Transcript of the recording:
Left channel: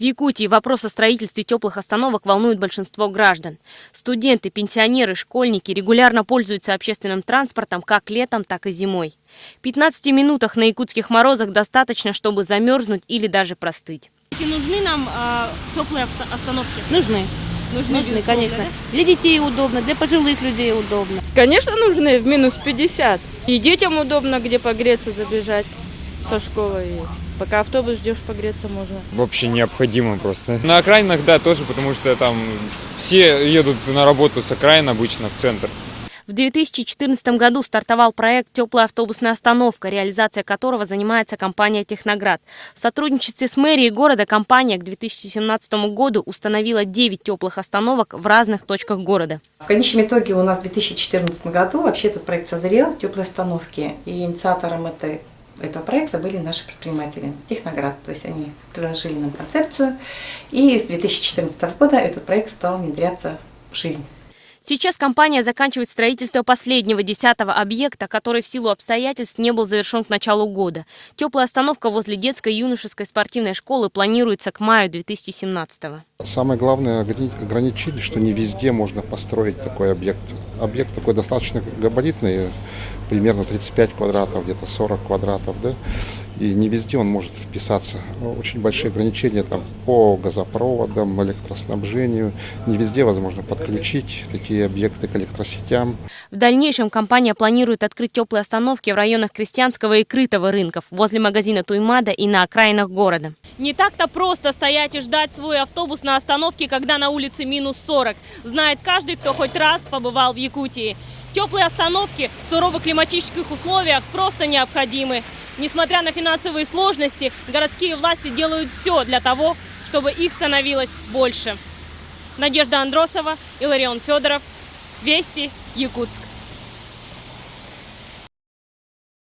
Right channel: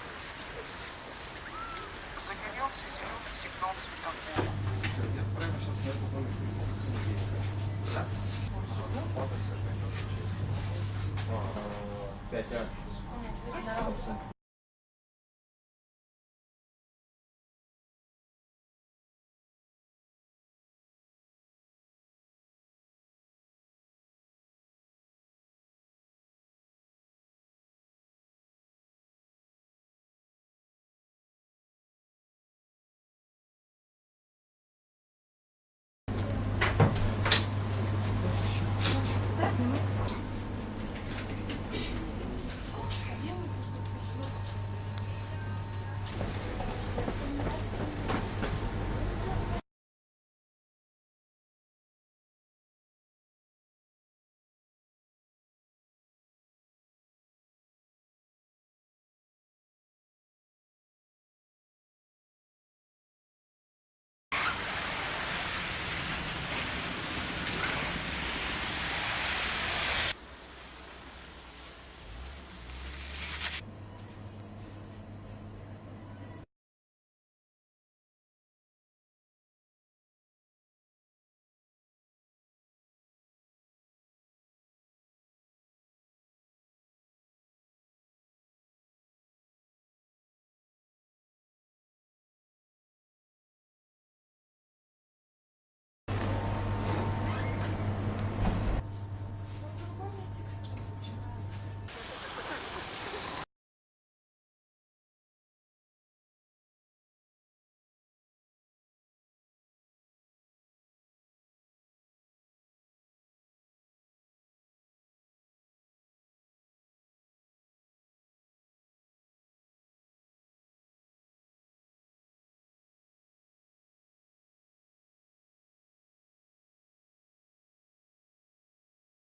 В Якутии вопрос о строительстве теплых остановок волнует большинство граждан. Студенты, пенсионеры, школьники регулярно пользуются общественным транспортом как летом, так и зимой. 15 минутах на якутских морозах достаточно, чтобы замерзнуть или даже простыть. Нужны нам теплые остановки? Нужны, конечно. Для детей удобно, для пожилых людей удобно. Конечно, нужны в минус 50. И детям удобно, где погреться, забежать со школы. И пока автобус ждешь, погреться можно. Вообще необходимо просто. На окраинах, да, тоже, потому что там все едут на работу с окраин обычно в центр. В 2014 году стартовал проект «Теплая автобусная остановка», реализация которого занимается компания «Техноград». В сотрудничестве с мэрией города компания к 2017 году установила 9 теплых остановок в разных точках города. В конечном итоге у нас в 2014 году вообще этот проект созрел, теплые остановки, и инициатором этого проекта были наши предприниматели «Техноград». То есть они предложили нам концепцию, и с 2014 года этот проект стал внедряться в жизнь. Сейчас компания заканчивает строительство последнего 10-го объекта, который в силу обстоятельств не был завершен к началу года. Теплая остановка возле детской и юношеской спортивной школы планируется к маю 2017-го. Самое главное ограничение, что не везде можно построить такой объект. Объект такой достаточно габаритный, примерно 35 квадратов, где-то 40 квадратов, да? И не везде он может вписаться. Очень большие ограничения там, по газопроводам, электроснабжению. Не везде возможно подключить такие объекты к электросетям. В дальнейшем компания планирует открыть теплые остановки в районах Крестьянского и Крытого рынков, возле магазина Туймада и на окраинах города. Не так-то просто стоять и ждать свой автобус на остановке, когда на улице минус 40. Знает каждый, кто хоть раз побывал в Якутии. Теплые остановки в суровых климатических условиях просто необходимы. Несмотря на финансовые сложности, городские власти делают все для того, чтобы их становилось больше. Надежда Андросова, Иларион Федоров. Вести, Якутск.